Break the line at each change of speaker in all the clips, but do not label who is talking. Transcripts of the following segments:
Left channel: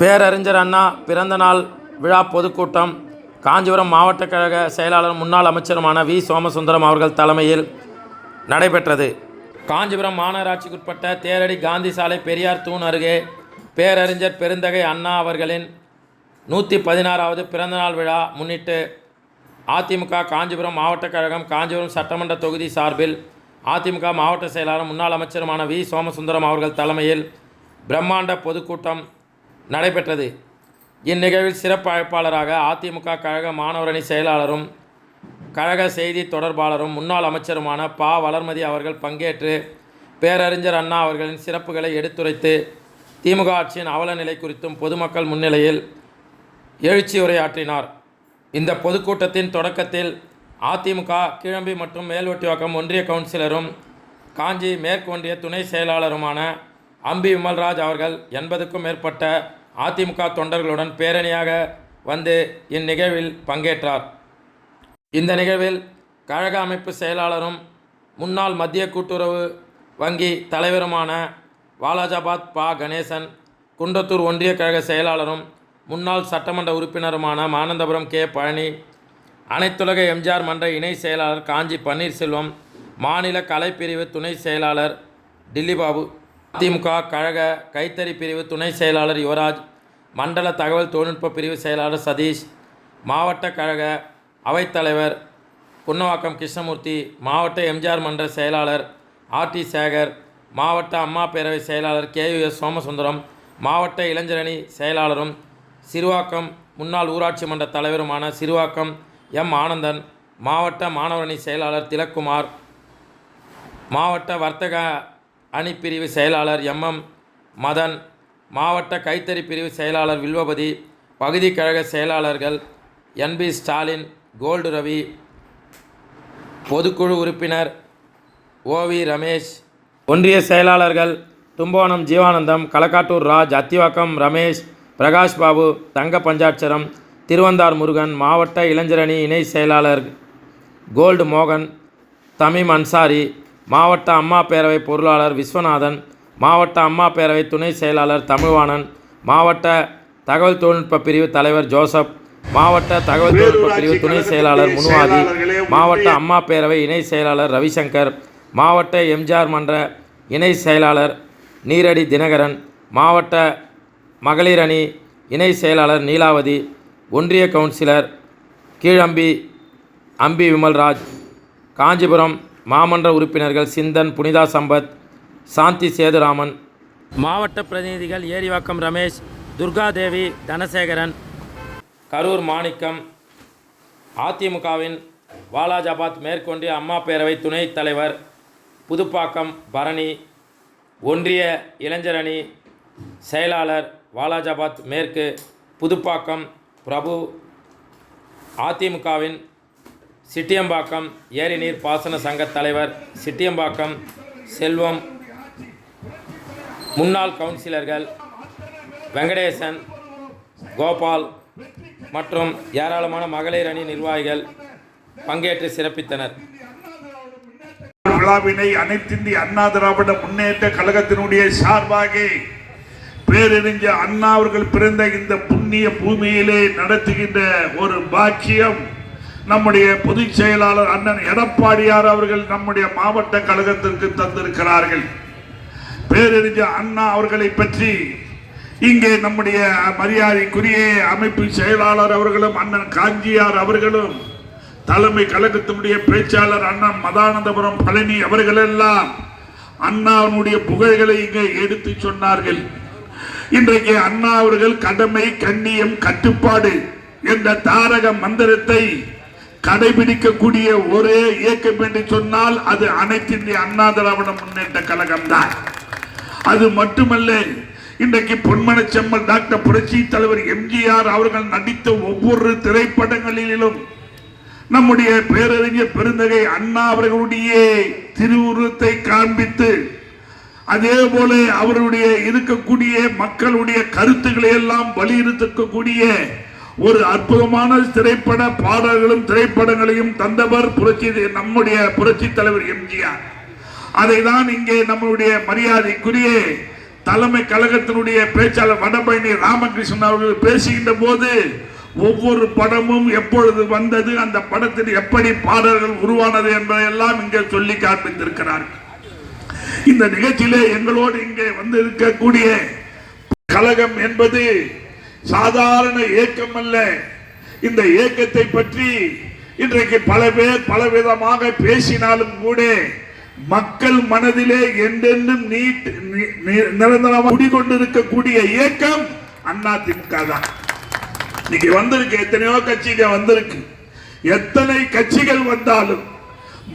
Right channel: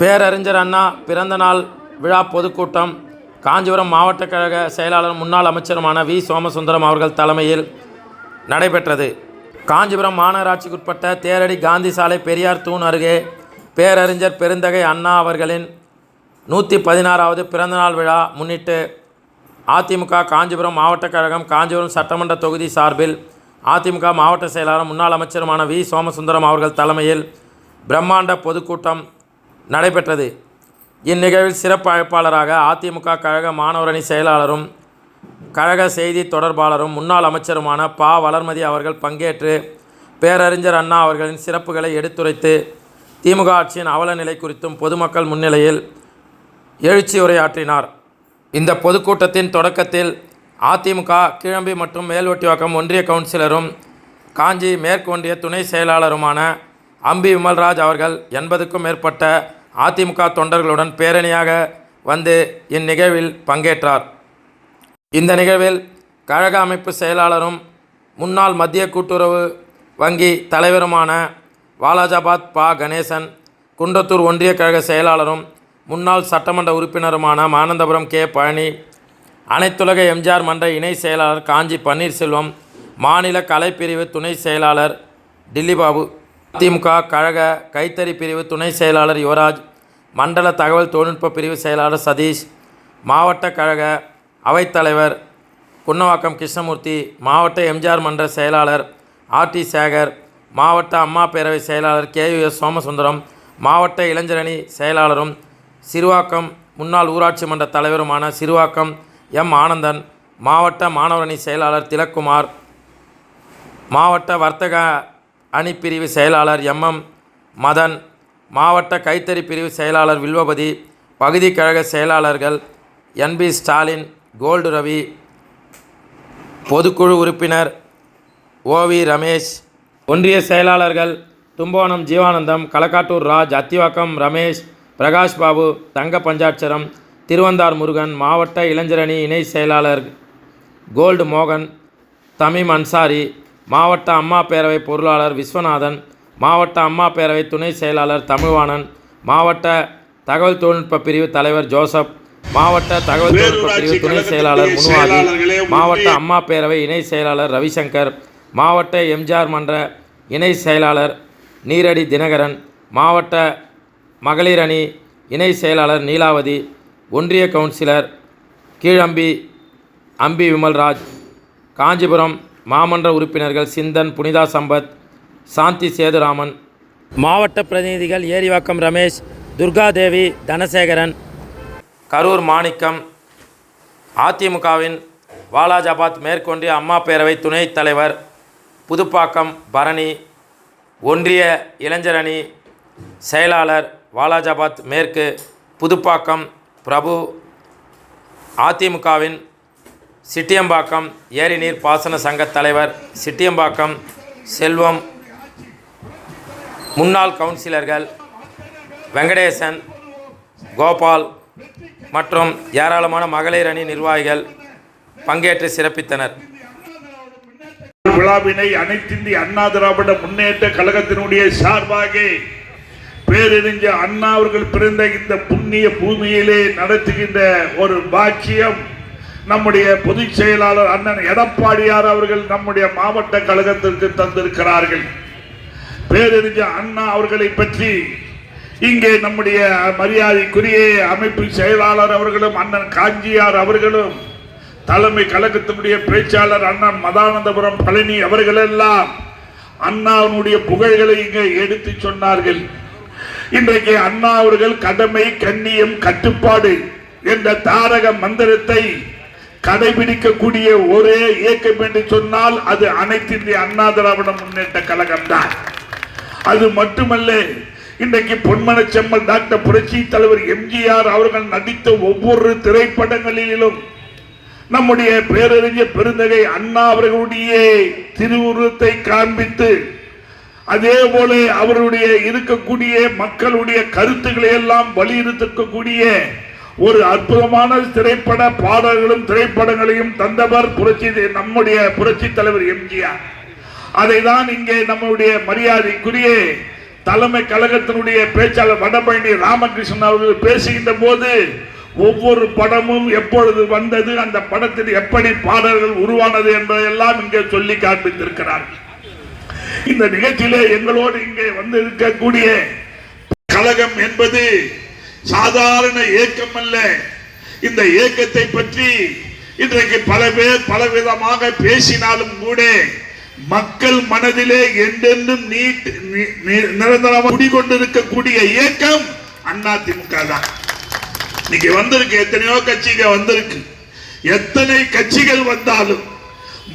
பேரறிஞர் அண்ணா பிறந்தநாள் விழா பொதுக்கூட்டம். காஞ்சிபுரம் மாவட்ட கழக செயலாளர் முன்னாள் அமைச்சருமான வி. சோமசுந்தரம் அவர்கள் தலைமையில் நடைபெற்றது. காஞ்சிபுரம் மாநகராட்சிக்குட்பட்ட தேரடி காந்தி சாலை பெரியார் தூண் அருகே பேரறிஞர் பெருந்தகை அண்ணா அவர்களின் நூற்றி பதினாறாவது பிறந்தநாள் விழா முன்னிட்டு அதிமுக காஞ்சிபுரம் மாவட்ட கழகம் காஞ்சிபுரம் சட்டமன்ற தொகுதி சார்பில் அதிமுக மாவட்ட செயலாளர் முன்னாள் அமைச்சருமான வி. சோமசுந்தரம் அவர்கள் தலைமையில் பிரம்மாண்ட பொதுக்கூட்டம் நடைபெற்றது. இந்நிகழ்வில் சிறப்பு அழைப்பாளராக அதிமுக கழக மாணவரணி செயலாளரும் கழக செய்தி தொடர்பாளரும் முன்னாள் அமைச்சருமான பா. வளர்மதி அவர்கள் பங்கேற்று பேரறிஞர் அண்ணா அவர்களின் சிறப்புகளை எடுத்துரைத்து திமுக ஆட்சியின் அவல நிலை குறித்தும் பொதுமக்கள் முன்னிலையில் எழுச்சி உரையாற்றினார். இந்த பொதுக்கூட்டத்தின் தொடக்கத்தில் அதிமுக கீழம்பி மற்றும் மேல்வட்டிவாக்கம் ஒன்றிய கவுன்சிலரும் காஞ்சி மேற்கு ஒன்றிய துணை செயலாளருமான அம்பி விமல்ராஜ் அவர்கள் எண்பதுக்கும் மேற்பட்ட அதிமுக தொண்டர்களுடன் பேரணியாக வந்து இந்நிகழ்வில் பங்கேற்றார். இந்த நிகழ்வில் கழக அமைப்பு செயலாளரும் முன்னாள் மத்திய கூட்டுறவு வங்கி தலைவருமான வாலாஜாபாத் பா. கணேசன் குன்றத்தூர் ஒன்றிய கழக செயலாளரும் முன்னாள் சட்டமன்ற உறுப்பினருமான மானந்தபுரம் கே. பழனி அனைத்துலக எம்ஜிஆர் மன்ற இணை செயலாளர் காஞ்சி பன்னீர்செல்வம் மாநில கலைப்பிரிவு துணை செயலாளர் டில்லிபாபு அதிமுக கழக கைத்தறி பிரிவு துணை செயலாளர் யுவராஜ் மண்டல தகவல் தொழில்நுட்ப பிரிவு செயலாளர் சதீஷ் மாவட்ட கழக அவைத்தலைவர் குன்னவாக்கம் கிருஷ்ணமூர்த்தி மாவட்ட எம்ஜிஆர் மன்ற செயலாளர் ஆர்டி சேகர் மாவட்ட அம்மா பேரவை செயலாளர் கேயுஎஸ் சோமசுந்தரம் மாவட்ட இளைஞரணி செயலாளரும் சிறுவாக்கம் முன்னாள் ஊராட்சி மன்ற தலைவருமான சிறுவாக்கம் எம் ஆனந்தன் மாவட்ட மாணவரணி செயலாளர் திலக்குமார் மாவட்ட வர்த்தக அணி பிரிவு செயலாளர் எம்எம் மதன் மாவட்ட கைத்தறி பிரிவு செயலாளர் வில்வபதி பகுதி கழக செயலாளர்கள் என்பி ஸ்டாலின் கோல்டு ரவி பொதுக்குழு உறுப்பினர் ஓவி ரமேஷ் ஒன்றிய செயலாளர்கள் தும்போனம் ஜீவானந்தம் களக்காட்டூர் ராஜ் அத்திவாக்கம் ரமேஷ் பிரகாஷ் பாபு தங்க பஞ்சாட்சரம் திருவந்தார் முருகன் மாவட்ட இளைஞரணி இணை செயலாளர் கோல்டு மோகன் தமிம் அன்சாரி மாவட்ட அம்மா பேரவை பொருளாளர் விஸ்வநாதன் மாவட்ட அம்மா பேரவை துணை செயலாளர் தமிழ்வாணன் மாவட்ட தகவல் தொழில்நுட்ப பிரிவு தலைவர் ஜோசப் மாவட்ட தகவல் தொழில்நுட்ப பிரிவு துணை செயலாளர் முனுவாதி மாவட்ட அம்மா பேரவை இணை செயலாளர் ரவிசங்கர் மாவட்ட எம்ஜிஆர் மன்ற இணை செயலாளர் நீரடி தினகரன் மாவட்ட மகளிர் அணி இணை செயலாளர் நீலாவதி ஒன்றிய கவுன்சிலர் கீழம்பி அம்பி விமல்ராஜ் காஞ்சிபுரம் மாமன்ற உறுப்பினர்கள் சிந்தன் புனிதா சம்பத் சாந்தி சேதுராமன். மாவட்ட பிரதிநிதிகள் ஏரிவாக்கம் ரமேஷ் துர்காதேவி தனசேகரன். கரூர் மாணிக்கம் அதிமுகவின் வாலாஜாபாத் மேற்கொண்டிய அம்மா பேரவை துணைத் தலைவர் புதுப்பாக்கம் பரணி ஒன்றிய இளைஞரணி செயலாளர் வாலாஜாபாத் மேற்கு புதுப்பாக்கம் பிரபு அதிமுகவின் சிட்டியம்பாக்கம் ஏரிநீர் பாசன சங்க தலைவர் சிட்டியம்பாக்கம் செல்வம் முன்னாள் கவுன்சிலர்கள் வெங்கடேசன் கோபால் மற்றும் ஏராளமான மகளிர் அணி நிர்வாகிகள் பங்கேற்று சிறப்பித்தனர்.
விழாவினை அனைத்திந்திய அண்ணா திராவிட முன்னேற்ற கழகத்தினுடைய சார்பாக பேரறிஞர் அண்ணா அவர்கள் பிறந்த இந்த புண்ணிய பூமியிலே நடத்துகின்ற ஒரு பாக்கியம் நம்முடைய பொதுச் செயலாளர் அண்ணன் எடப்பாடியார் அவர்கள் நம்முடைய மாவட்ட கழகத்திற்கு தந்திருக்கிறார்கள். பேரறிஞர் அண்ணா அவர்களை பற்றி இங்கே நம்முடைய மரியாதைக்குரிய அமைப்பு செயலாளர் அவர்களும் அண்ணன் காஞ்சியார் அவர்களும் தலைமை கழகத்தினுடைய பேச்சாளர் அண்ணன் மதானந்தபுரம் பழனி அவர்களெல்லாம் அண்ணாவினுடைய புகழ்களை இங்கே எடுத்து சொன்னார்கள். இன்றைக்கு அண்ணா அவர்கள் கடமை கண்ணியம் கட்டுப்பாடு என்ற தாரக மந்திரத்தை கடைபிடிக்கக்கூடிய ஒரே இயக்கம் என்று சொன்னால் அது அனைத்து இந்திய அண்ணா திராவிட முன்னேற்ற கழகம் தான் அது மட்டுமல்ல இன்றைக்கு பொன்மன செம்மல் டாக்டர் புரட்சி தலைவர் எம்ஜிஆர் அவர்கள் நடித்த ஒவ்வொரு திரைப்படங்களிலும் நம்முடைய பேரறிஞர் பெருந்தகை அண்ணா அவர்களுடைய திருவுருவத்தை காண்பித்து அதே போல அவருடைய இருக்கக்கூடிய மக்களுடைய கருத்துக்களை எல்லாம் வலியுறுத்தக்கூடிய ஒரு அற்புதமான திரைப்பட பாடல்களும் திரைப்படங்களையும் தந்தவர் புரட்சி நம்முடைய புரட்சி தலைவர் எம்ஜிஆர். அதை தான் இங்கே நம்முடைய மரியாதைக்குரிய தலைமை கழகத்தினுடைய பேச்சாளர் வடபழனி ராமகிருஷ்ணன் அவர்கள் பேசுகின்ற போது ஒவ்வொரு படமும் எப்பொழுது வந்தது அந்த படத்தில் எப்படி பாடல்கள் உருவானது என்பதையெல்லாம் இங்கே சொல்லி காண்பித்திருக்கிறார்கள். இந்த நிகழ்ச்சியிலே எங்களோடு இங்கே வந்து இருக்கக்கூடிய கழகம் என்பது சாதாரண இயக்கம் அல்ல. இந்த இயக்கத்தை பற்றி இன்றைக்கு பல பேர் பலவிதமாக பேசினாலும் கூட மக்கள் மனதிலே என்றென்றும் நீட் நி- நி- நிரந்தரமாக இயக்கம் இயக்கம் திமுக தான். இன்னைக்கு வந்திருக்கு எத்தனையோ கட்சிகள் வந்திருக்கு. எத்தனை கட்சிகள் வந்தாலும்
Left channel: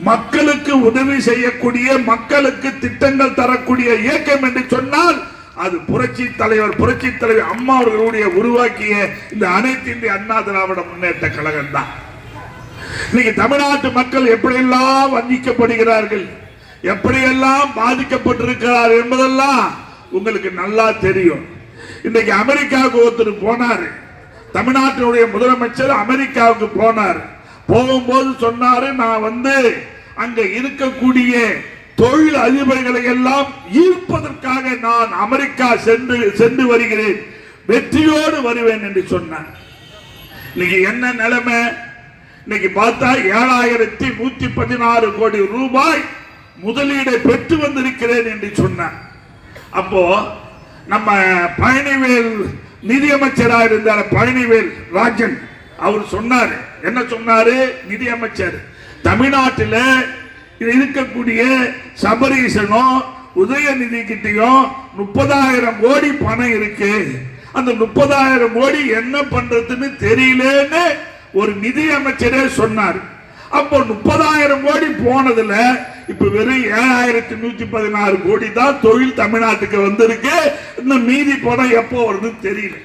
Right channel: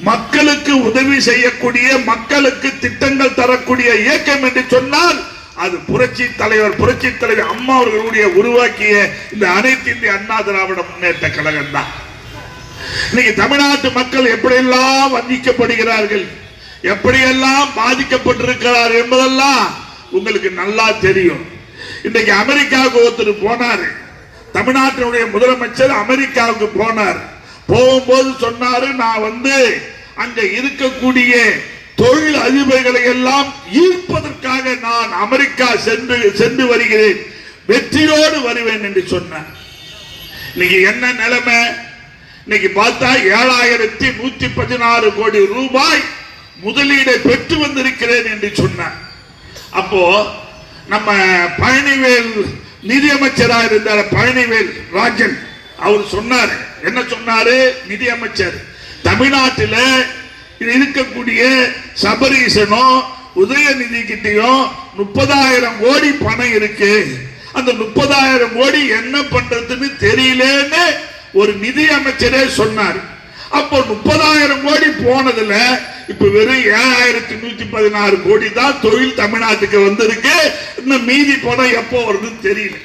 மக்களுக்கு உதவி செய்யக்கூடிய மக்களுக்கு திட்டங்கள் தரக்கூடிய இயக்கம் என்று சொன்னால் அது புரட்சி தலைவர் புரட்சி தலைவர் அம்மா அவர்களுடைய உருவாக்கிய இந்த அனைத்து இந்திய அண்ணா திராவிட முன்னேற்ற கழகம் தான் இன்னைக்கு தமிழ்நாட்டு மக்கள் எப்படியெல்லாம் வந்திக்கப்படுகிறார்கள் எப்படியெல்லாம் பாதிக்கப்பட்டிருக்கிறார் என்பதெல்லாம் உங்களுக்கு நல்லா தெரியும். இன்னைக்கு அமெரிக்காவுக்கு ஒருத்தர் போனார். தமிழ்நாட்டினுடைய முதலமைச்சர் அமெரிக்காவுக்கு போனார். போகும்போது சொன்னாரு நான் வந்து அங்க இருக்கக்கூடிய தொழில் அதிபர்களை எல்லாம் ஈர்ப்பதற்காக நான் அமெரிக்கா சென்று சென்று வருகிறேன். வெற்றியோடு வருவேன் என்று சொன்னார். இன்னைக்கு என்ன நிலைமை? இன்னைக்கு பார்த்தா ஏழாயிரத்தி நூத்தி பதினாறு கோடி ரூபாய் முதலீடை பெற்று வந்திருக்கிறேன் என்று சொன்னார். அப்போ நம்ம பழனிவேல் நிதியமைச்சராக இருந்தார். பழனிவேல் ராஜன் அவர் சொன்னார். என்ன சொன்னாரு? நிதியமைச்சர் தமிழ்நாட்டில் இருக்கக்கூடிய சபரீசனும் உதயநிதி கிட்டையும் முப்பதாயிரம் கோடி பணம் இருக்கு. அந்த முப்பதாயிரம் கோடி என்ன பண்றதுன்னு தெரியலன்னு ஒரு நிதி அமைச்சரே சொன்னார். அப்போ முப்பதாயிரம் கோடி போனதுல இப்ப வெறும் ஏழாயிரத்தி நூத்தி பதினாறு கோடி தான் தொழில் தமிழ்நாட்டுக்கு வந்திருக்கு. இன்னும் மீதி பணம் எப்போ வருதுன்னு தெரியல.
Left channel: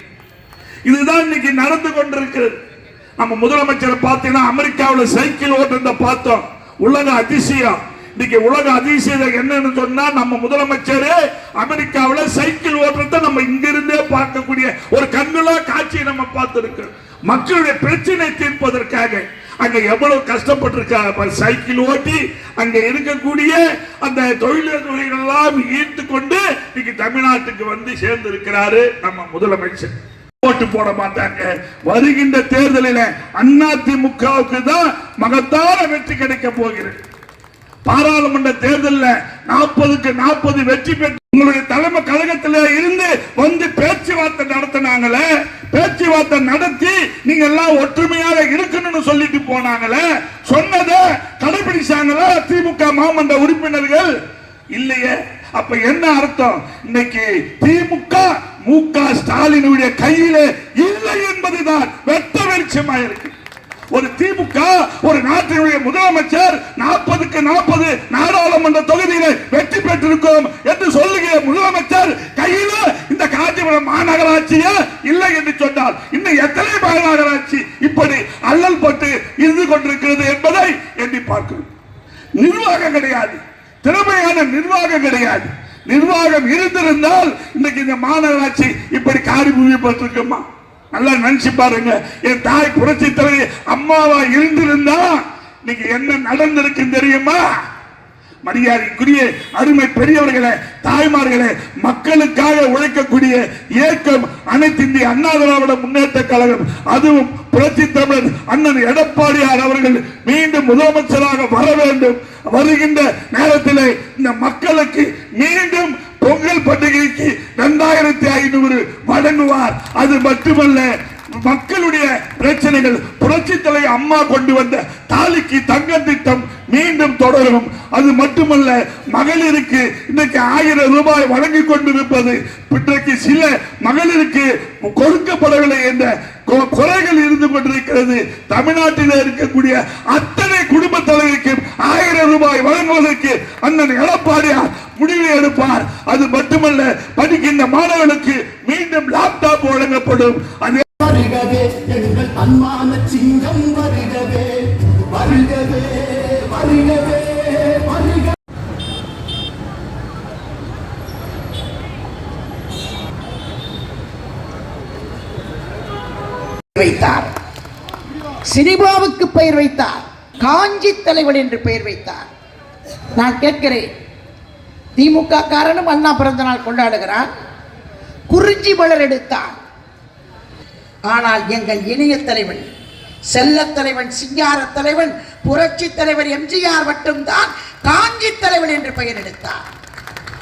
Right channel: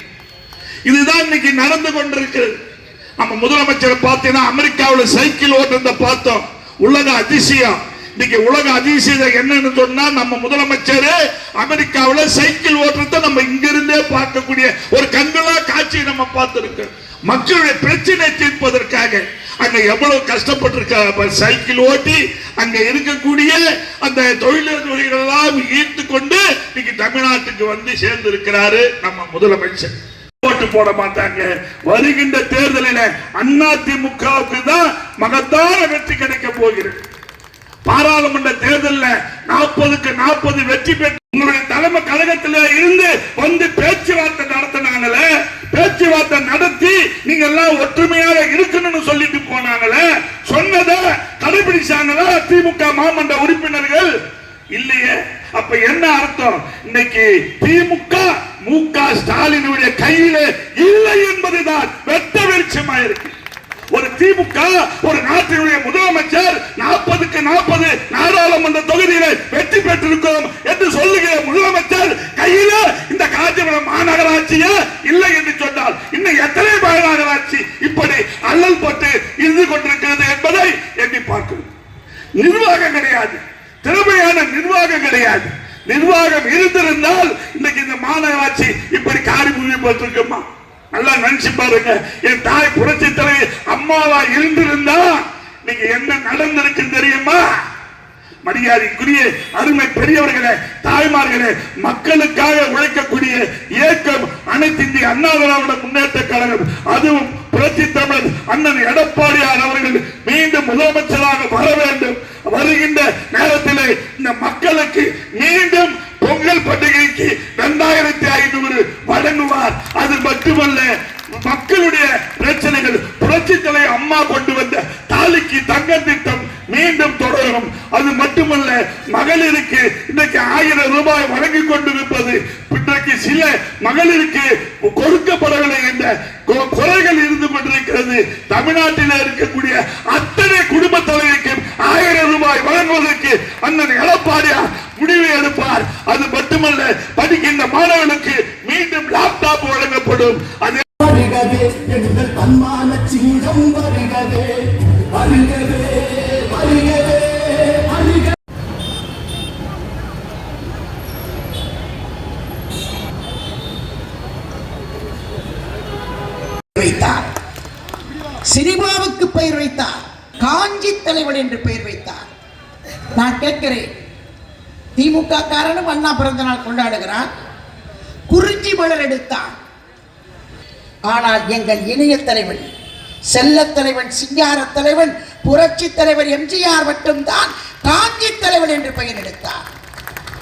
இதுதான் இன்னைக்கு நடந்து கொண்டிருக்கிறது. நம்ம முதலமைச்சரை பார்த்தீங்கன்னா அமெரிக்காவில் சைக்கிள் ஓட்டுறத பார்த்தோம். உலக அதிசயம். இன்னைக்கு உலக அதிசயம் என்னன்னு சொன்னா நம்ம முதலமைச்சர் அமெரிக்காவில் சைக்கிள் ஓட்டுறத நம்ம இங்கிருந்தே பார்க்கக்கூடிய ஒரு கண்ணுலா காட்சியை நம்ம பார்த்திருக்கோம் மக்களுடைய பிரச்சனை தீர்ப்பதற்காக அங்க எவ்வளவு கஷ்டப்பட்டிருக்க சைக்கிள் ஓட்டி அங்க இருக்கக்கூடிய அந்த தொழிலதிபர்கள் எல்லாம் ஈர்த்து கொண்டு இன்னைக்கு தமிழ்நாட்டுக்கு வந்து சேர்ந்து இருக்கிறாரு நம்ம முதலமைச்சர். ஓட்டு போட மாட்டாங்க. வருகின்ற தேர்தலில் அண்ணா திமுகவுக்கு தான் மகத்தான வெற்றி கிடைக்க போகிறது. பாராளுமன்ற தேர்தலில் நாற்பதுக்கு நாற்பது வெற்றி பெற்று உங்களுடைய தலைமை கழகத்திலே இருந்து வந்து பேச்சுவார்த்தை நடத்தினாங்களே பேச்சுவார்த்தை நடத்தி நீங்க எல்லாம் ஒற்றுமையாக இருக்கணும்னு சொல்லிட்டு போனாங்களே சொன்னதை கடைபிடிச்சாங்களா திமுக மாமன்ற உறுப்பினர்கள்? இல்லையே. அப்ப என்ன அர்த்தம்? இன்னைக்கு திமுக மு க ஸ்டாலினுடைய கையில இல்லை என்பதுதான் வெட்ட வெளிச்சமா இருக்கு ஒரு திமுக ஒரு நாட்டினுடைய முதலமைச்சர் நாற்பதுக்கு நாற்பது நாடாளுமன்ற தொகுதியில வெற்றி பெற்றிருக்கிறோம் என்று சொல்லுகிற முதலமைச்சர் கையில இந்த காஞ்சிபுரம் மாநகராட்சியே? இல்லை என்று சொன்னால் இன்னும் எத்தனை மாநகராட்சி இப்படி அல்லல் பட்டு இருந்து கொண்டிருக்கிறது என்பதை எண்ணி பார்க்கணும் நிர்வாகம் கிடையாது. திறமையான நிர்வாகம் கிடையாது. நிர்வாகம் இருந்திருந்தால் இன்னைக்கு இந்த மாநகராட்சி இப்படி காரி பட்டிருக்குமா? நல்லா நினைச்சு பாருங்க. என் தாய் புரட்சி தலைவி அம்மாவா இருந்திருந்தா நீங்க என்ன நடந்திருக்குன்னு தெரியுமா? மரியாதைக்குரிய அருமை பெரியவர்களே தாய்மார்களே மக்களுக்காக உழைக்கக்கூடிய இயக்கம் அனைத்து இந்திய அண்ணா திராவிட முன்னேற்ற கழகம் அதுவும் புரட்சி தமிழர் அண்ணன் எடப்பாடியார் அவர்கள் மீண்டும் முதலமைச்சராக வர வேண்டும். வருகின்ற நேரத்தில் இந்த மக்களுக்கு மீண்டும் பொங்கல் பண்டிகைக்கு இரண்டாயிரத்தி ஐநூறு வழங்குவார். அது மட்டுமல்ல மக்களுடைய பிரச்சனைகள் புரட்சி தலை அம்மா கொண்டு வந்த தாலிக்கு தங்கம் திட்டம் மீண்டும் தொடரும். அது மட்டுமல்ல மகளிருக்கு இன்றைக்கு ஆயிரம் ரூபாய் வழங்கி கொண்டிருப்பது. இன்றைக்கு சில மகளிருக்கு கொடுக்கப்படவில்லை என்ற கொ- குறைகள் இருந்து கொண்டிருக்கிறது. தமிழ்நாட்டில் இருக்கக்கூடிய அத்தனை குடும்ப தலைவிக்கும் ஆயிரம் ரூபாய் வழங்குவதற்கு அண்ணன் எடப்பாடியார் முடிவு எடுப்பார். அது மட்டுமல்ல படிக்கின்ற மாணவர்களுக்கு மீண்டும் லேப்டாப் வழங்கப்படும். அது
வருகவே எங்கள் அன்பான சிங்கம் வருகவே வருகவே வருகவே. வைத்தார். சினிமாவுக்கு பெயர் வைத்தார். காஞ்சி தலைவன் என்று பெயர் வைத்தார். நான் கேட்கிறேன் திமுக காரனும் அண்ணா பிறந்த நாள் கொண்டாடுகிறான். குறிஞ்சி மலர் எடுத்தான். ஆனால் எங்கள் இணைய தலைவன் செல்ல தலைவன் சிங்கார தலைவன் புரட்சி தலைவர் எம்ஜிஆர் மட்டும்தான் காஞ்சி தலைவன் என்று பெயர் எடுத்தார்.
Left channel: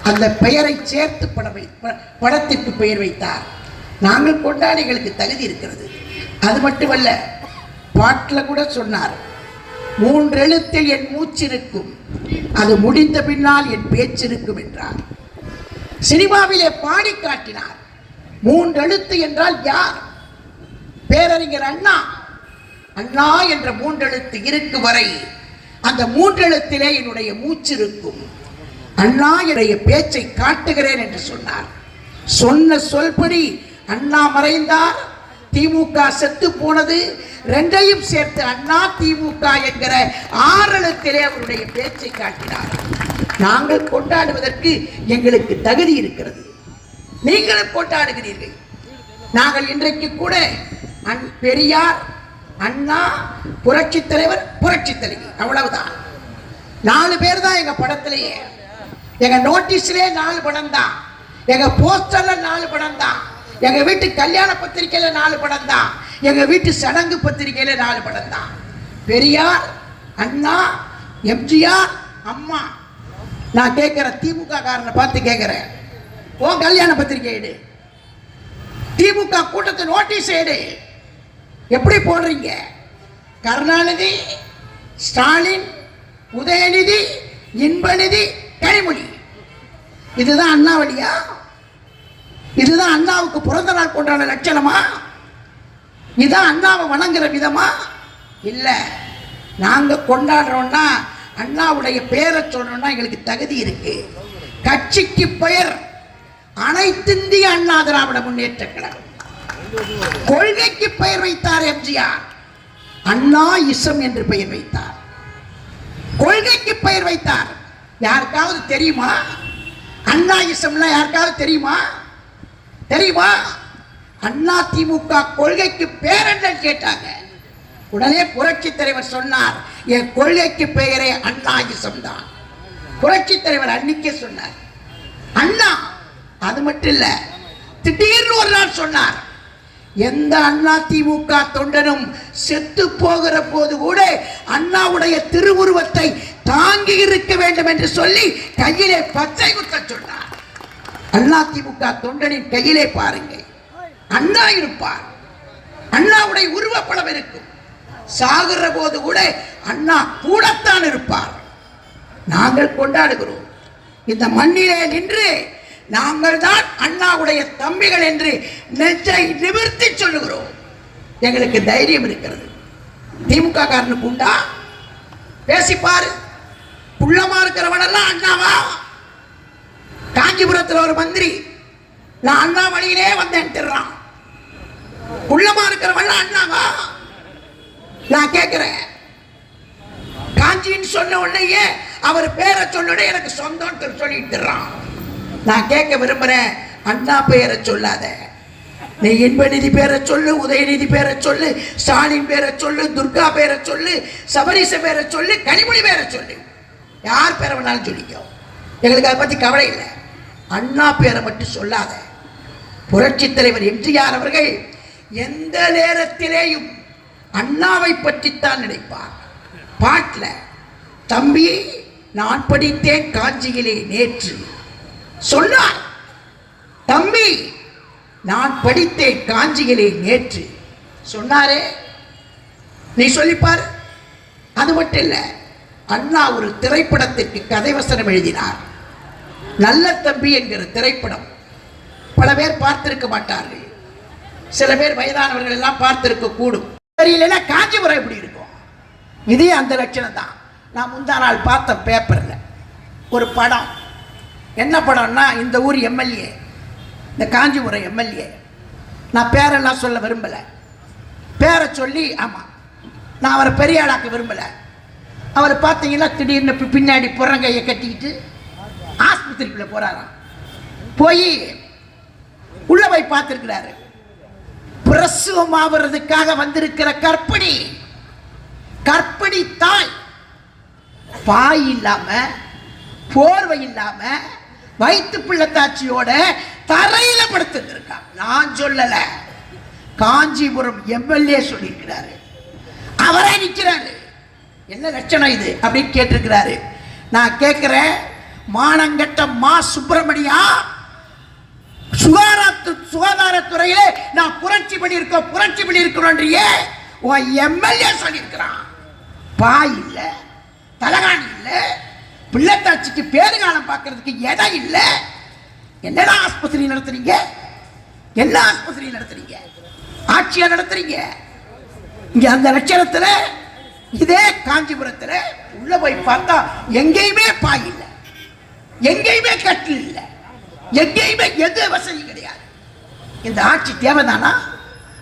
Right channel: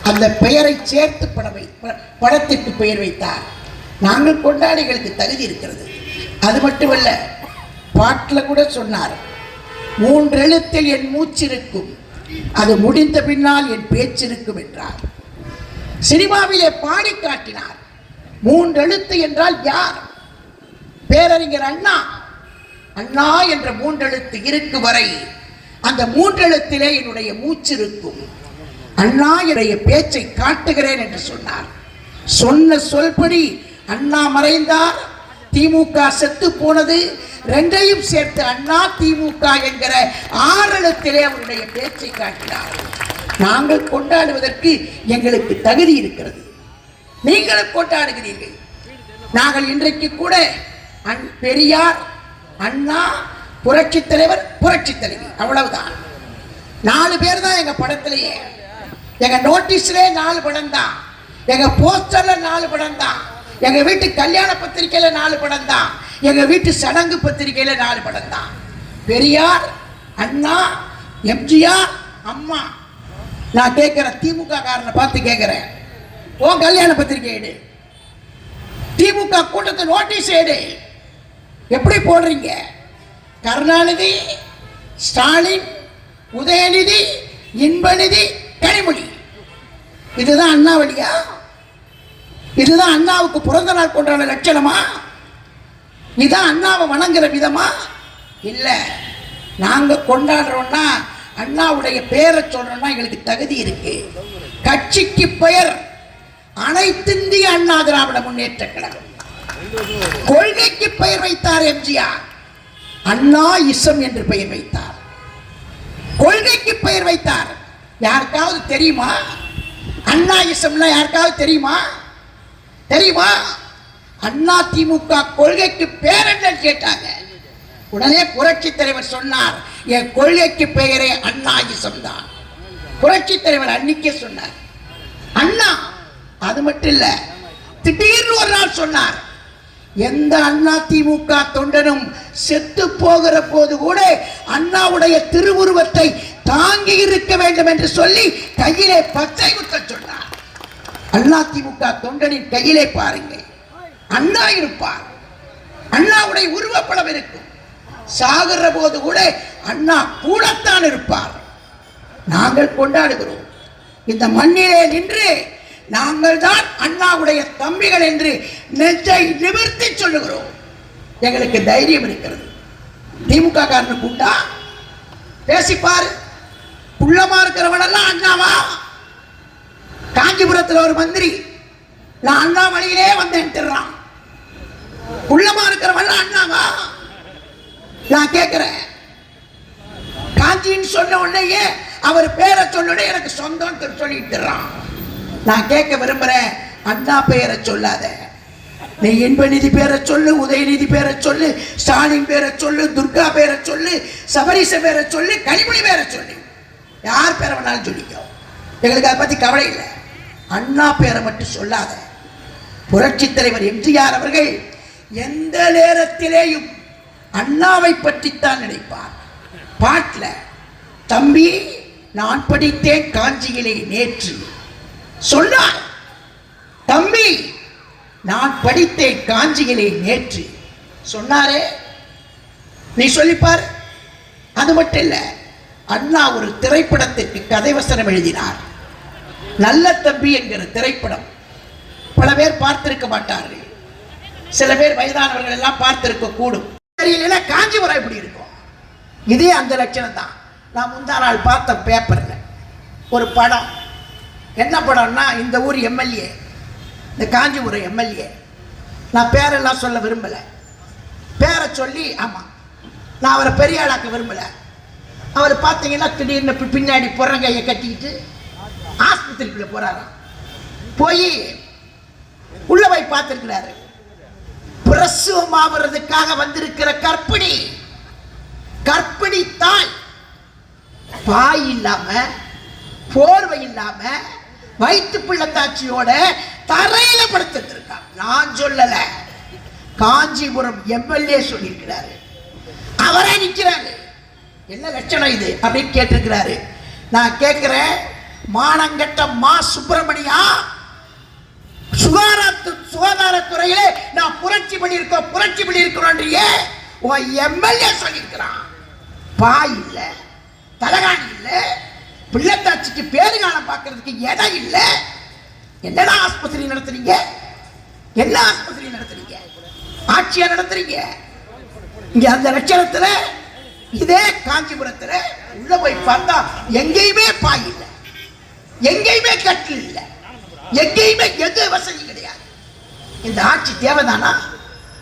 அந்த பெயரை சேர்த்து படம் வை ப- படத்திற்கு பெயர் வைத்தார். நாங்கள் கொண்டாடிகளுக்கு தகுதி இருக்கிறது. அது மட்டுமல்ல பாட்டில் கூட சொன்னார் மூன்றெழுத்தில் என் மூச்சிருக்கும். அது முடிந்த பின்னால் என் பேச்சிருக்கும் என்றார். சினிமாவிலே பாடி காட்டினார். மூன்றெழுத்து என்றால் யார்? பேரறிஞர் அண்ணா. அண்ணா என்ற மூன்றெழுத்து இருக்கு வரை அந்த மூன்றெழுத்திலே என்னுடைய மூச்சு இருக்கும். அண்ணா என்னுடைய பேச்சை காட்டுகிறேன் என்று சொன்னார். சொன்ன சொல்படி அண்ணா மறைந்தார். திமுக செத்து போனது ரெண்டையும் சேர்த்து அண்ணா திமுக என்கிற ஆரலத்திலே அவருடைய பேச்சை காட்டினார். நாங்கள் கொண்டாடுவதற்கு எங்களுக்கு தகுதி இருக்கிறது. நீங்களும் கொண்டாடுகிறீர்கள். நாங்கள் இன்றைக்கு கூட அண் பெரியார் அண்ணா புரட்சி தலைவர் புரட்சி தலைவி அவ்வளவுதான். நாலு பேர் தான் எங்க படத்திலேயே. எங்க நோட்டீஸ்லேயே நாலு படம் தான் எங்க போஸ்டர்ல நாலு படம் தான் எங்க வீட்டு கல்யாண பத்திரிக்கையில நாலு படம் தான். எங்க வீட்டு சடங்கு பத்திரிக்கையில நாலு படம் தான். பெரியார் அண்ணா எம்ஜிஆர் அம்மா. நான் கேட்கிறேன் திமுக காரனை பார்த்து கேட்கிறேன் ஓ கல்யாண பத்திரிகை எடு. திமுக கூட்டத்தை நோட்டீஸ் எடு. எப்படி போடுறீங்க? கருணாநிதி ஸ்டாலின் உதயநிதி இன்பநிதி கனிமொழி. இதுதான் அண்ணாவளியா? இதுதான் அண்ணாவுக்கு பிறந்த நாள் கொண்டாட லட்சணமா? இதுதான் அண்ணாவை வணங்குற விதமா? இல்லை. நாங்கள் கொண்டாடுறோம்னா அண்ணாவுடைய பெயரை சொல்லணும்னா எங்களுக்கு தகுதி இருக்கு. கட்சிக்கு பெயர் அனைத்திந்திய அண்ணா திராவிட முன்னேற்ற கழகம். கொள்கைக்கு பெயர் வைத்தார் எம்ஜிஆர். அண்ணா இசம் என்று பெயர் வைத்தார். கொள்கைக்கு பெயர் வைத்தார். யாருக்காவது தெரியுமா? அண்ணா இசம்னா யாருக்காவது தெரியுமா? தெரியுமா? அண்ணா திமுக கொள்கைக்கு பேர் கேட்டாங்க. உடனே புரட்சி தலைவர் சொன்னார் என் கொள்கைக்கு பெயரே அண்ணாயிசம் தான் புரட்சி தலைவர் அன்னைக்கே சொன்னார். அண்ணா அது மட்டும் இல்ல திடீர்னு ஒரு நாள் சொன்னார் எந்த அண்ணா திமுக தொண்டனும் செத்து போகிற போது கூட அண்ணாவுடைய திருவுருவத்தை தாங்கி இருக்க வேண்டும் என்று சொல்லி கையிலே பச்சை குத்த சொன்னார். அண்ணா திமுக தொண்டனின் கையிலே பாருங்கள். அண்ணா இருப்பார். அண்ணாவுடைய உருவப்படம் இருக்கும். சாகுற போது கூட அண்ணா கூடத்தான் இருப்பார். நாங்கள் கொண்டாடுகிறோம். இந்த மண்ணிலே நின்று நாங்கள் தான் அண்ணாவுடைய தம்பிகள் என்று நெஞ்சை நிமிர்த்தி சொல்லுகிறோம். எங்களுக்கு தைரியம் இருக்கிறது. திமுக காரனுக்கு உண்டா? பேசிப்பாரு. உள்ளமா இருக்கிறவனெல்லாம் அண்ணாவா? காஞ்சிபுரத்தில் ஒரு மந்திரி நான் அண்ணா வழியிலே வந்தேன்ட்டுறான் உள்ளமா இருக்கிறவன் அண்ணாவா? நான் கேட்கிறேன். காஞ்சின்னு சொன்ன உடனேயே அவர் பேரை சொன்னோடனே எனக்கு சொந்தம் சொல்லிட்டுறான். நான் கேட்க விரும்புறேன் அண்ணா பெயரை சொல்லாத. நீ இன்பநிதி பேரை சொல்லு உதயநிதி பேரை சொல்லு ஸ்டாலின் பேரை சொல்லு துர்கா பேரை சொல்லு சபரிச பேரை சொல்லு கனிமொழி பேரை சொல்லு. யார் பேரை வேணாலும் சொல்லிக்கோ. எங்களுக்கு அதை பற்றி கவலை இல்லை. அண்ணா பேரை மட்டும் சொல்லாத. புரட்சி தலைவர் எம்ஜிஆர் அவர்கள் எந்த நேரத்திலேயும் அண்ணாவை பற்றித்தான் நினைப்பார். பாட்டில் தம்பி நான் படித்தேன் காஞ்சியிலே நேற்று. சொன்னார் தம்பி நான் படித்தேன் காஞ்சியிலே நேற்று. சொன்னாரே. நீ சொல்லிப்பார். அது மட்டும் இல்லை அண்ணா ஒரு திரைப்படத்திற்கு கதை வசனம் எழுதினார். நல்ல தம்பி என்கிற திரைப்படம் பல பேர் பார்த்திருக்க மாட்டார்கள். சில பேர் வயதானவர்கள் எல்லாம் பார்த்திருக்க கூடும். தெரியல காஞ்சிபுரம் இப்படி இருக்கும்? இதே அந்த லட்சணம் தான். நான் முந்தா நாள் பார்த்த பேப்பரில் ஒரு படம். என்ன படம்னா இந்த ஊர் எம்எல்ஏ இந்த காஞ்சிபுரம் எம்எல்ஏ. நான் பேரெல்லாம் சொல்ல விரும்பலை. பேரை சொல்லி ஆமாம் நான் அவரை பெரிய ஆளாக்க விரும்பலை. அவரை பார்த்தீங்கன்னா திடீர்னு பின்னாடி புறங்கையை கட்டிக்கிட்டு ஆஸ்பத்திரிக்குள்ள போறாராம் போய் உள்ள போய் பார்த்திருக்கிறாரு. பிரசவம் ஆவறதுக்காக வந்திருக்கிற கற்பிணி கற்பிணி தாய். பாய் இல்லாம போர்வை இல்லாம வயிற்று பிள்ளைத்தாச்சியோட தரையில படுத்திருக்கான் நான் சொல்லல. காஞ்சிபுரம் எம்எல்ஏ சொல்லியிருக்கிறாரு. அவரே நிற்கிறாரு என்ன லட்சணம் இது? அப்படின்னு கேட்டிருக்கிறாரு. நான் கேட்கிறேன் மானங்கட்ட மா சுப்பிரமணியா? சுகாதாரத்து சுகாதாரத்துறையில நான் புரட்சி பண்ணியிருக்கோம் புரட்சி பண்ணியிருக்கிறோன்றியே உன் எம்எல்ஏ சொல்லியிருக்கிறான். பாய் இல்லை தலகாணி இல்லை பிள்ளைத்தாச்சிக்கு பேருகாலம் பார்க்கறதுக்கு இடம் இல்லை? என்னடா ஆஸ்பத்திரி நடத்துறீங்க? என்ன ஆஸ்பத்திரி நடத்துறீங்க? ஆட்சியா நடத்துறீங்க? இங்க அந்த லட்சணத்துல இதே காஞ்சிபுரத்துல உள்ள போய் பார்த்தா எங்கேயுமே பாய் இல்லை. எங்கேயுமே கட்டில் இல்லை எங்கேயுமே எது வசதி கிடையாது. இந்த ஆட்சி தேவைதானா?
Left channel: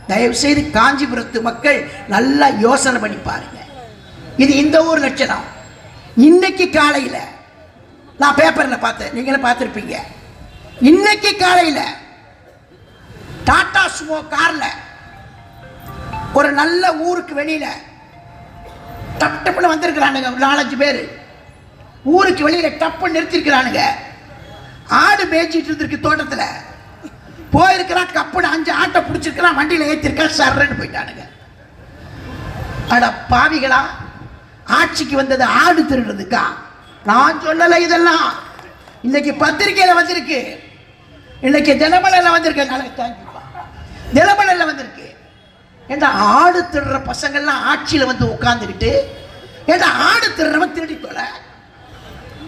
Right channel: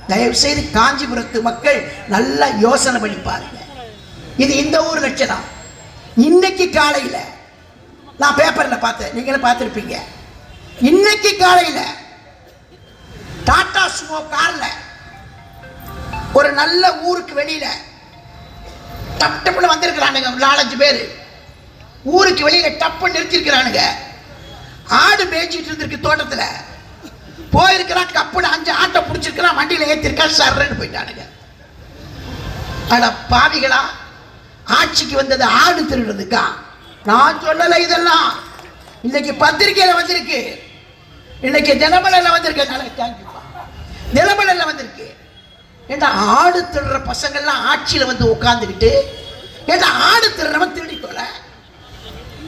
தயவு செய்து காஞ்சிபுரத்து மக்கள் நல்லா யோசனை பண்ணி பாருங்க. இது இந்த ஊர் லட்சணம். இன்னைக்கு காலையில நான் பேப்பர்ல பார்த்தேன். நீங்களும் பார்த்துருப்பீங்க. இன்னைக்கு காலையில டாடா சுமோ கார்ல ஒரு நல்ல ஊருக்கு வெளியில டப்புல வந்திருக்கிறானுங்க நாலஞ்சு பேர். ஊருக்கு வெளியில டப்பு நிறுத்திருக்கிறானுங்க ஆடு மேய்ச்சிட்டு இருந்திருக்கு தோட்டத்துல. போயிருக்கிறான் கப்புட அஞ்சு ஆட்டை பிடிச்சிருக்கிறான் வண்டியில ஏத்திருக்கான் சர்றன்னு போயிட்டானுங்க. அட பாவிகளா ஆட்சிக்கு வந்தது ஆடு திருடுறதுக்கா? நான் சொல்லல இதெல்லாம். இன்னைக்கு பத்திரிக்கையில வந்திருக்கு. இன்னைக்கு தினமலர்ல வந்திருக்கு. நல்ல தேங்க்யூப்பா தினமலர்ல வந்திருக்கு. ஏண்டா ஆடு திருடுற பசங்கள்லாம் ஆட்சியில் வந்து உட்காந்துக்கிட்டு ஏண்டா ஆடு திருடுறவன் திருடி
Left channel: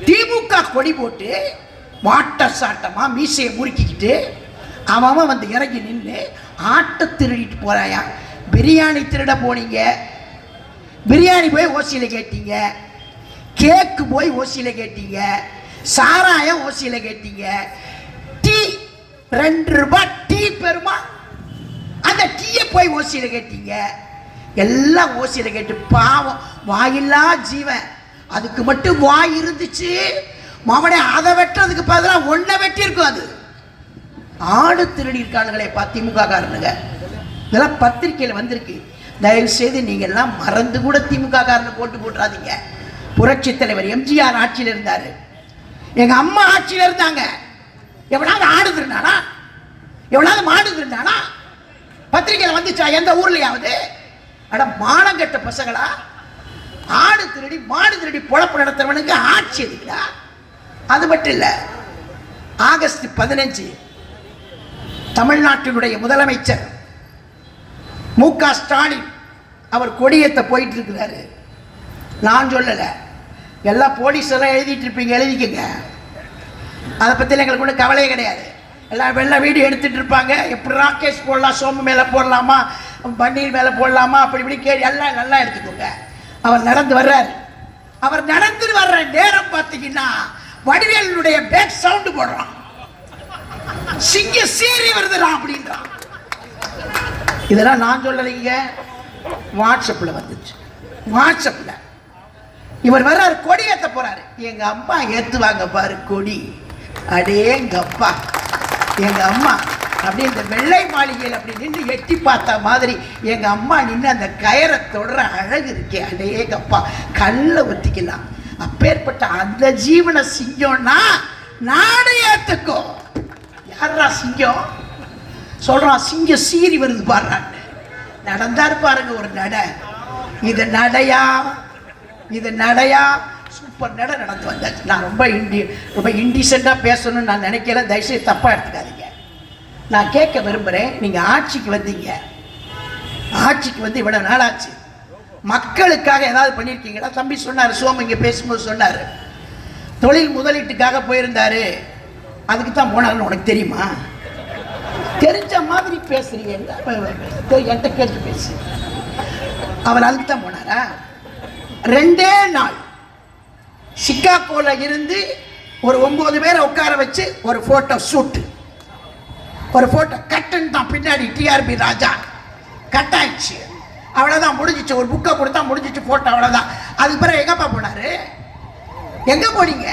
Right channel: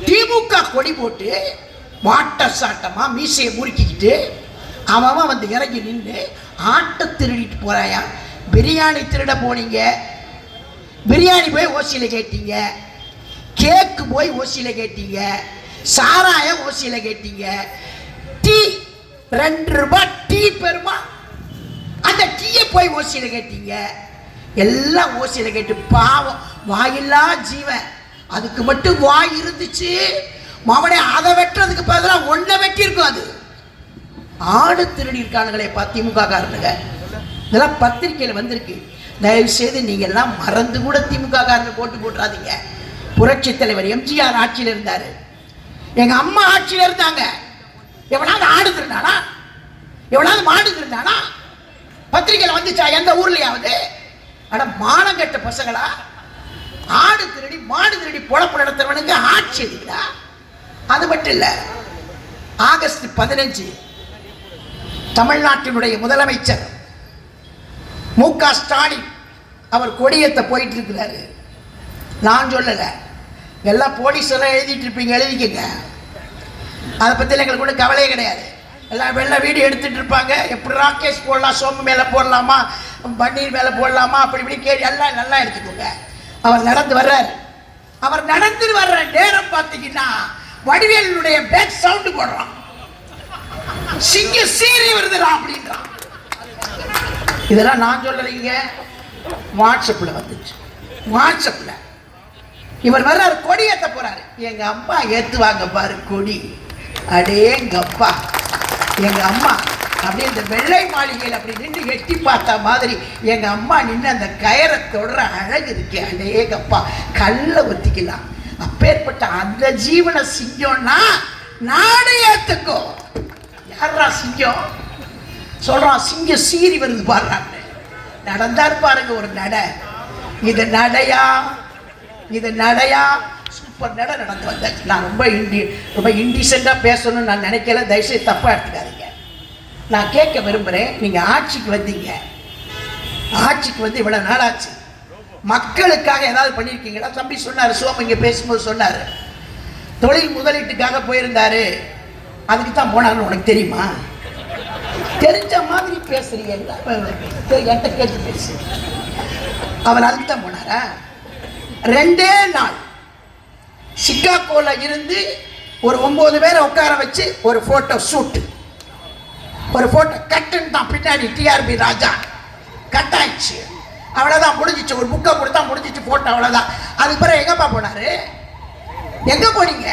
திமுக கொடி போட்டு வாட்ட சாட்டமாக மீசையை முறுக்கிக்கிட்டு அவன் அவன் வந்து இறங்கி நின்று ஆட்டை திருடிட்டு போறாயா? பிரியாணி திருட போனீங்க. பிரியாணி போய் ஓசியில் கேட்டீங்க. கேக்கு போய் ஓசியில் கேட்டீங்க. சாராயம் ஓசியில் கேட்டீங்க. டீ ரெண்டு ரூபாய் டீ பெருமா அந்த டீயை போய் ஓசியில் கேட்டீங்க. எல்லாம் ஓசியில் கேட்டு பாவம். வாயில்லா ஜீவன். அதுக்கு மட்டும் வாய் இருந்துச்சு. மாமனே அதை வெட்டுறதுக்கு பதிலாக ஒன்றை வெட்டியிருக்கும் அது. ஆடு திருடி இருக்கானுங்களே பா திமுக காரனுங்க இதெல்லாம் பத்திரிக்கையில் வந்திருக்கு. தயவு செய்து நீங்கள் எல்லாம் மறந்து கூட திமுக காரனை போட்டு போட்டுறாதீங்க புரட்சி தலைவர் எம்ஜிஆர் ஆட்சியில் இருந்தார். எங்கள் அம்மா ஆட்சியில் இருந்தாங்க. எவனாவது ஆடு திருந்தானா எவனாவது மாடு திருந்தானா பத்திரிக்கையில் வந்துச்சா? எந்த ஊர்லயாவது? மானம் மானங்கட்ட பசங்களா? ஆடு திருடி மாடு திருடி பொழப்பு நடத்துறவனுக்கு ஆட்சி இருக்குடா. அது மட்டும் இல்லை ஆகஸ்ட் பதினஞ்சு தமிழ்நாட்டினுடைய முதலமைச்சர் மு க ஸ்டாலின் அவர் கொடியத்தை போயிட்டு இருக்கிறாரு நான் சொல்லலை. எல்லாம் போலீஸ் எல்லாம் எழுதிட்டு இருப்பீங்க எழுதிக்கங்க. அதை பற்றி எங்களுக்கு ஒன்றும் கவலையே கிடையாது. எல்லாம் வெள்ள வீடியோ எடுத்துகிட்டு இருப்பாங்க. எப்படி ராகேஷ் போடலாம் சோமு மேலே போடலாமா பன்னீர் மேலே போடலாமா அப்படி இப்படி கேள்வி எல்லாம் நல்லா எடுத்துக்கோங்க. அவர் நடந்து வர்றார். அவர் நடந்து வர்ற நேரம் பார்த்தீங்கன்னா வடிவேலுடைய பேக் சவுண்டு போடுறான். சிங்க சீறி வருதுடா அப்படின்றான். இதெல்லாம் நான் சொல்லலைங்க வாட்ஸ்அப்பில் வந்துச்சு. வாட்ஸ்அப்பில். இவர் வர்றாரு கொடி ஏத்த போறாரு. எங்க அம்மா ஏத்துவாங்க பாரு கொடி. அடேங்க அப்பா எங்க அம்மா அப்படியே இந்த வெள்ளை மாளிகையில் அப்படி நின்று எட்டி பார்த்த மாதிரி எங்க அம்மா நின்று அந்த கயரை தொடர அழகு இருக்கே அடேகப்பா கல்லை கல்ல ஊத்திக்கலாம் அப்பேற்பட்ட அந்த ஜீவனை சிங்கம்னா நானே ஏத்துக்கோ. யாரா சிங்கம்? சொல்றான் சிங்கம் சீறி வருது பாடுறான்னு நடந்தார் பாருங்க ஒரு நட. இது நடையா? இது நடையா? சூப்பர் நட நடந்து வந்தாச்சு. நான் ரொம்ப இண்டி ரொம்ப இண்டிசெண்டாக பேசணும்னு நான் நினைக்கல. தயவுசெய்து தப்பாக எடுத்துக்காதீங்க. நான் கேட்க விரும்புகிறேன் நீங்கள் ஆட்சிக்கு வந்தீங்க. ஆட்சிக்கு வந்து இவ்வளோ நாள் ஆச்சு மக்களுக்காக ஏதாவது பண்ணியிருக்கீங்களா தம்பி சொன்னார் சோம் இங்கே பேசும்போது சொன்னார். தொழில் முதலீட்டுக்காக போயிருந்தார். அதுக்கு தான் போனாருன்னு உனக்கு தெரியுமா? தெரிஞ்ச மாதிரி பேசுறீங்க. என்கிட்ட கேட்டு பேசு. அவர் அதுக்கு தான் போனாரா? ரெண்டே நாள். சிக்காகோவில் இருந்து ஒரு ஒம்பது பேரை உட்கார வச்சு ஒரு ஃபோட்டோ ஷூட்டு ஒரு ஃபோட்டோ கட்டுன்னு தான் பின்னாடி டிஆர்பி ராஜா. கட் ஆயிடுச்சு அவ்வளோதான் முடிஞ்சிச்சு. ஒரு புக்கை கொடுத்தா முடிஞ்சிச்சு ஃபோட்டோ அவ்வளோதான் அதுக்கு பிறகு எங்கப்பா போனாரு? எங்கே போனீங்க?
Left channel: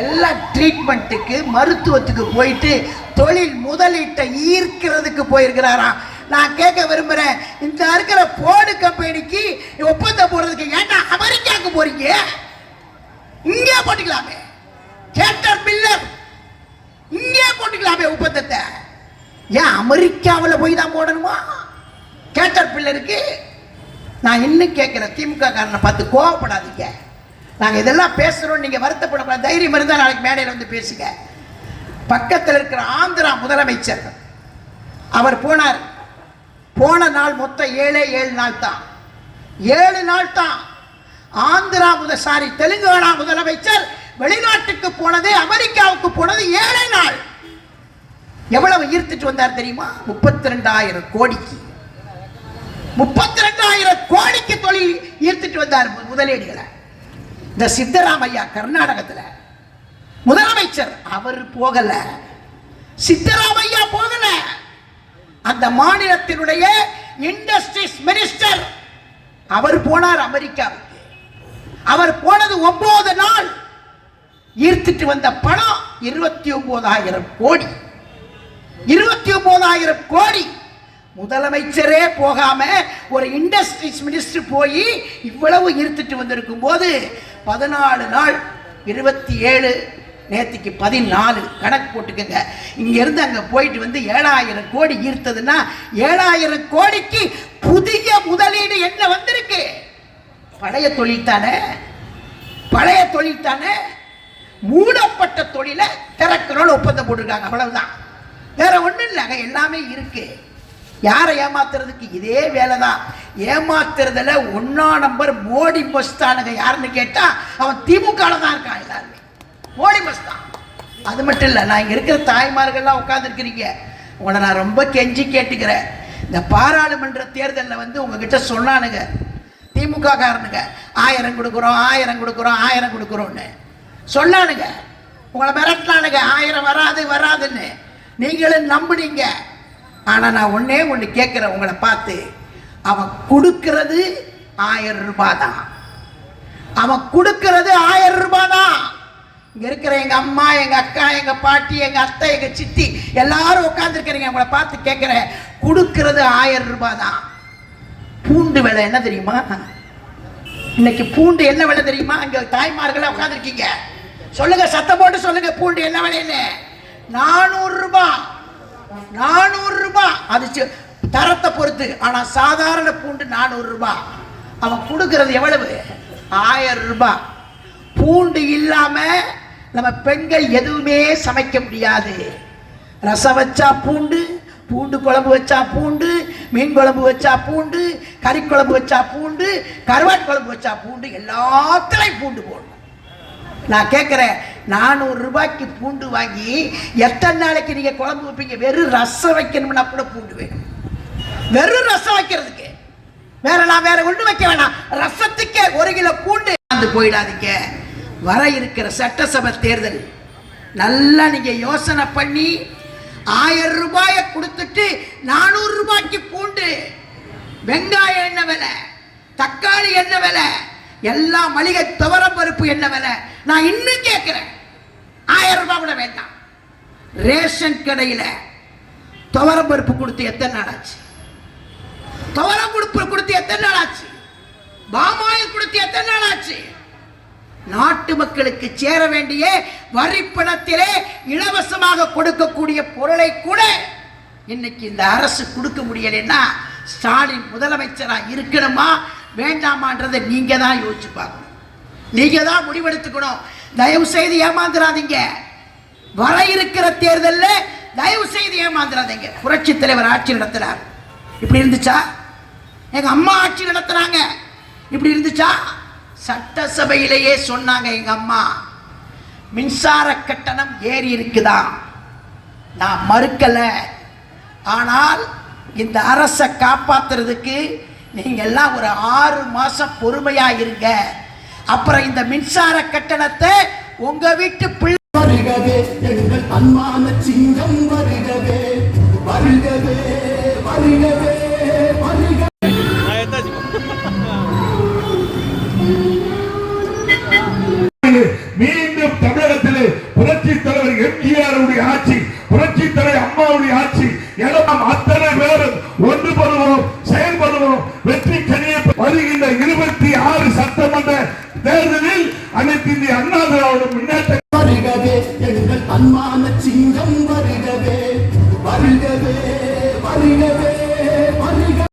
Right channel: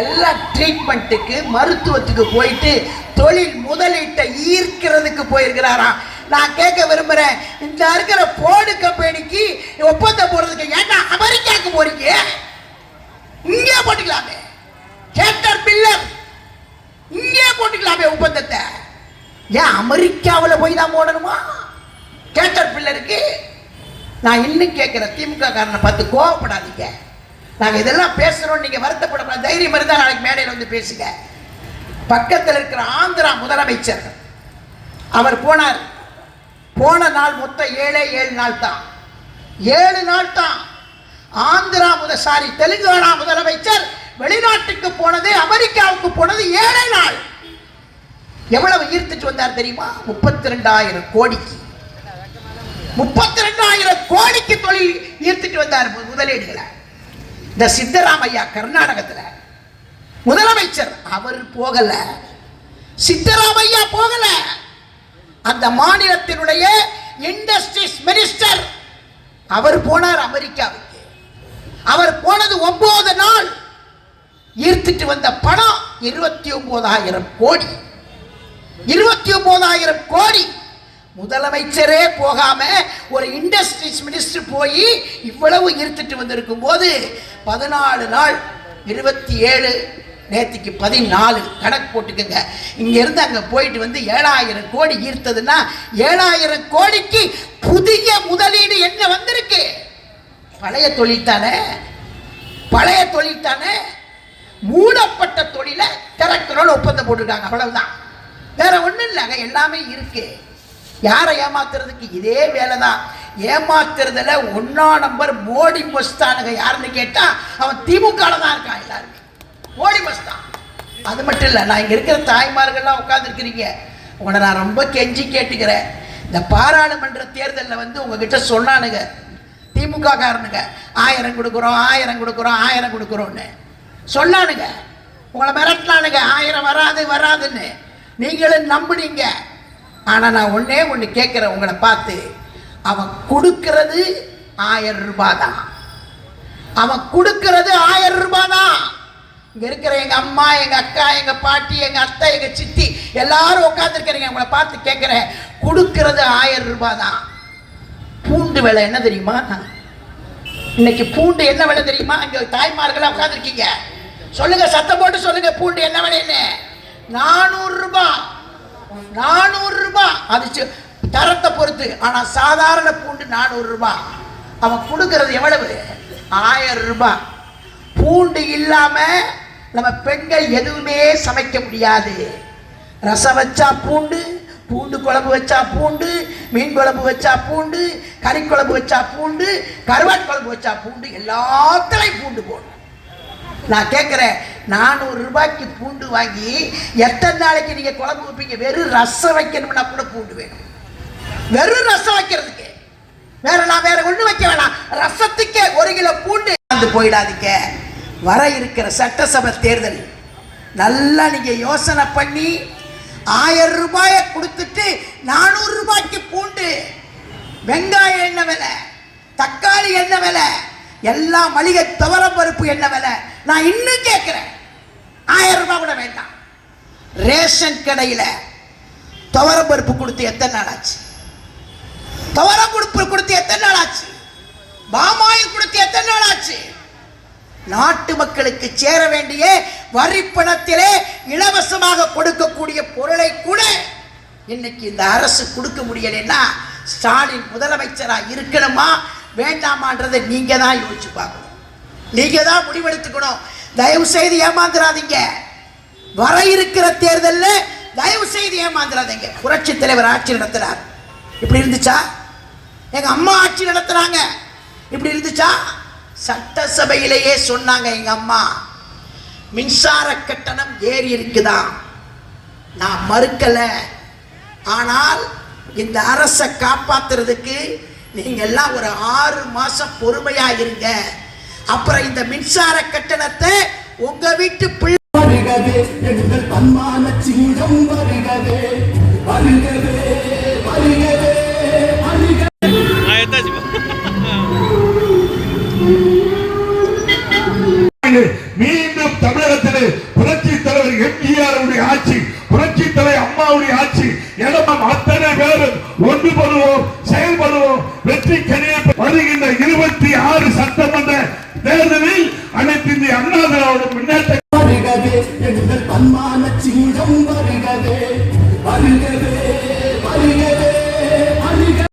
எல்லா ட்ரீட்மெண்ட்டுக்கு மருத்துவத்துக்கு போயிட்டு தொழில் முதலீட்டை ஈர்க்கிறதுக்கு போயிருக்கிறாராம். நான் கேட்க விரும்புகிறேன் இந்த இருக்கிற போர்டு கம்பெனிக்கு ஒப்பந்தம் போடுறதுக்கு ஏன்னா அமெரிக்காவுக்கு போகிறீங்க இங்கே போட்டுக்கலாமே. கேட்டர் பில்லர் இங்கே போட்டுக்கலாமே ஒப்பந்தத்தை ஏன் அமெரிக்காவில் போய் தான் போடணுமா? கேட்டர் பில்லருக்கு நான் இன்னும் கேட்குறேன் திமுக காரனை பார்த்து கோவப்படாதீங்க. நாங்கள் இதெல்லாம் பேசுகிறோம் நீங்கள் வருத்தப்படக்கூடாது. தைரியம் இருந்தால் நாளைக்கு மேடையில் வந்து பேசுங்க. பக்கத்தில் இருக்கிற ஆந்திரா முதலமைச்சர் அவர் போனார். போன நாள் மொத்தம் ஏழே ஏழு நாள் தான். ஏழு நாள் தான். ஆந்திரா முதசாரி தெலுங்கானா முதலமைச்சர் வெளிநாட்டுக்கு போனது அமெரிக்காவுக்கு போனது ஏழை நாள். எவ்வளவு ஈர்த்துட்டு வந்தார் தெரியுமா? முப்பத்தி ரெண்டாயிரம் கோடிக்கு. முப்பத்தி ரெண்டாயிரம் கோடிக்கு தொழில் ஈர்த்துட்டு வந்தார் முதலீடுகளை. இந்த சித்தராமையா கர்நாடகத்தில். முதலமைச்சர் அவர் போகல. சித்தராமையா போகல. அந்த மாநிலத்தினுடைய இண்டஸ்ட்ரீஸ் மினிஸ்டர் அவர் போனார் அமெரிக்காவுக்கு. அவர் போனது ஒன்பது நாள். ஈர்த்துட்டு வந்த பணம் இருபத்தி ஒன்பதாயிரம் கோடி. இருபத்தி ஒன்பதாயிரம் கோடி. முதலமைச்சரே போகாம ஒரு இண்டஸ்ட்ரீஸ் மினிஸ்டர் போய் இவ்வளவு ஈர்த்துட்டு வந்திருக்கும் போது பதினாலு நாள் இருபத்தி ஏழு நேற்றுக்கு பதினாலு கணக்கு போட்டுக்கோங்க. இங்கேருந்து அங்கே போயிட்டு வந்து ஏழாயிரம் கோடி ஈர்த்ததுன்னா ஏழாயிரம் கோடிக்கு புதிய முதலீடு என்ன வந்திருக்கு? பழைய தொழில் தானே? பழைய தொழில் தானே? மூடப்பட்ட தொழிலை திறக்கணும்னு ஒப்பந்தம் போட்டுருக்காங்க அவ்வளவுதான். வேற ஒண்ணும் இல்லைங்க எல்லாமே இருக்கு. யாரை ஏமாத்துறதுக்கு? இதே வேலை தான் ஏமாத்துறதுல ஒன்னா நம்பர் மோடி மஸ்தானுங்க யாருன்னு கேட்டா அவன் திமுக தான் இருக்கான் எல்லாருமே. மோடி மஸ்தான். அது மட்டும் இல்லை நான் இங்க இருக்கிற தாய்மார்கள்லாம் உட்காந்துருக்கிறீங்க உங்களை நான் ரொம்ப கெஞ்சி கேட்டுக்கிறேன். இந்த பாராளுமன்ற தேர்தலில் வந்து உங்ககிட்ட சொன்னானுங்க. திமுக காரனுங்க. ஆயிரம் கொடுக்குறோம் ஆயிரம் கொடுக்குறோம் ஆயிரம் கொடுக்குறோன்னு சொன்னானுங்க. உங்களை மிரட்டலானுங்க ஆயிரம் வராது வராதுன்னு. நீங்களும் நம்புனீங்க. ஆனால் நான் ஒன்றே ஒன்று கேட்குறேன் உங்களை பார்த்து. அவன் கொடுக்கறது ஆயிரம் ரூபாய் தான் அவன் கொடுக்கறது ஆயிரம் ரூபாய் தான் இங்கே இருக்கிற எங்கள் அம்மா எங்கள் அக்கா எங்கள் பாட்டி எங்கள் அத்தை எங்கள் சித்தி எல்லாரும் உட்காந்துருக்கிறீங்க உங்களை பார்த்து கேட்குறேன். கொடுக்கறது ஆயிரம் ரூபாய் தான் பூண்டு விலை என்ன தெரியுமா? இன்னைக்கு பூண்டு என்ன விலை தெரியுமா? இங்க தாய்மார்களா உட்காந்துருக்கீங்க சொல்லுங்க சத்தம் போட்டு சொல்லுங்க பூண்டு என்ன விலைன்னு. நானூறு ரூபாய் நானூறு ரூபாய் அது தரத்தை பொறுத்து. ஆனா சாதாரண பூண்டு நானூறு ரூபாய் அவன் கொடுக்கறது எவ்வளவு? ஆயிரம் ரூபாய் பூண்டு இல்லாம நம்ம பெண்கள் எதுவுமே சமைக்க முடியாது. ரசம் வச்சா பூண்டு பூண்டு குழம்பு வச்சா பூண்டு மீன் குழம்பு வச்சா பூண்டு கறி குழம்பு வச்சா பூண்டு கருவாட்டு குழம்பு வச்சா பூண்டு எல்லாத்துலையும் பூண்டு போடணும். நான் கேட்குறேன் நானூறு ரூபாய்க்கு பூண்டு வாங்கி எத்தனை நாளைக்கு நீங்கள் குழம்பு வைப்பீங்க? வெறும் ரசம் வைக்கணும்னா கூட பூண்டு வேணும். வெறும் ரசம் வைக்கிறதுக்கு. வேற நான் வேற ஒன்று வைக்க வேணாம். ரசத்துக்கே ஒரு கிலோ பூண்டு வந்து போயிடாதீங்க. வர இருக்கிற சட்டசபை தேர்தல். நல்லா நீங்கள் யோசனை பண்ணி ஆயிரம் ரூபாயை கொடுத்துட்டு நானூறு ரூபாய்க்கு பூண்டு வெங்காயம் என்ன விலை தக்காளி என்ன விலை எல்லா மளிகை துவரம் பருப்பு என்ன விலை நான் இன்னும் கேட்குறேன். ஆயிரம் ரூபாய் கூட வேண்டாம். ரேஷன் கடையில் துவரம் பருப்பு கொடுத்து எத்தனை நாள் ஆச்சு? துவரம் கொடுப்பு கொடுத்து எத்தனை நாள் ஆச்சு? பாமாயில் கொடுத்து எத்தனை நாள் ஆச்சு? நாட்டு மக்களுக்கு சேர வேண்டிய வரி பணத்திலே இலவசமாக கொடுக்கக்கூடிய பொருளை கூட இன்னைக்கு இந்த அரசு கொடுக்க முடியலைன்னா ஸ்டாலின் முதலமைச்சராக இருக்கணுமா வேண்டாமான்றதை நீங்க தான் யோசிச்சு பார்க்கணும். நீங்க தான் முடிவெடுத்துக்கணும். தயவு செய்து ஏமாந்துடாதீங்க வர இருக்கிற தேர்தலில் தயவு செய்து ஏமாந்துடாதீங்க புரட்சி தலைவர் ஆட்சி நடத்துறார். இப்படி இருந்துச்சா? எங்க அம்மா ஆட்சி நடத்துறாங்க. இப்படி இருந்துச்சா? சட்டசபையிலேயே சொன்னாங்க எங்க அம்மா மின்சார கட்டணம் ஏறி இருக்குதா? நான் மறுக்கல. ஆனால் இந்த அரசை காப்பாத்துறதுக்கு நீங்க எல்லாம் ஒரு ஆறு மாசம் பொறுமையா இருங்க. அப்புறம் இந்த மின்சார கட்டணத்தை உங்க வீட்டு பிள்ளை
வருகவே எங்கள் அம்மான சிங்கம் வருகவே வருகவே.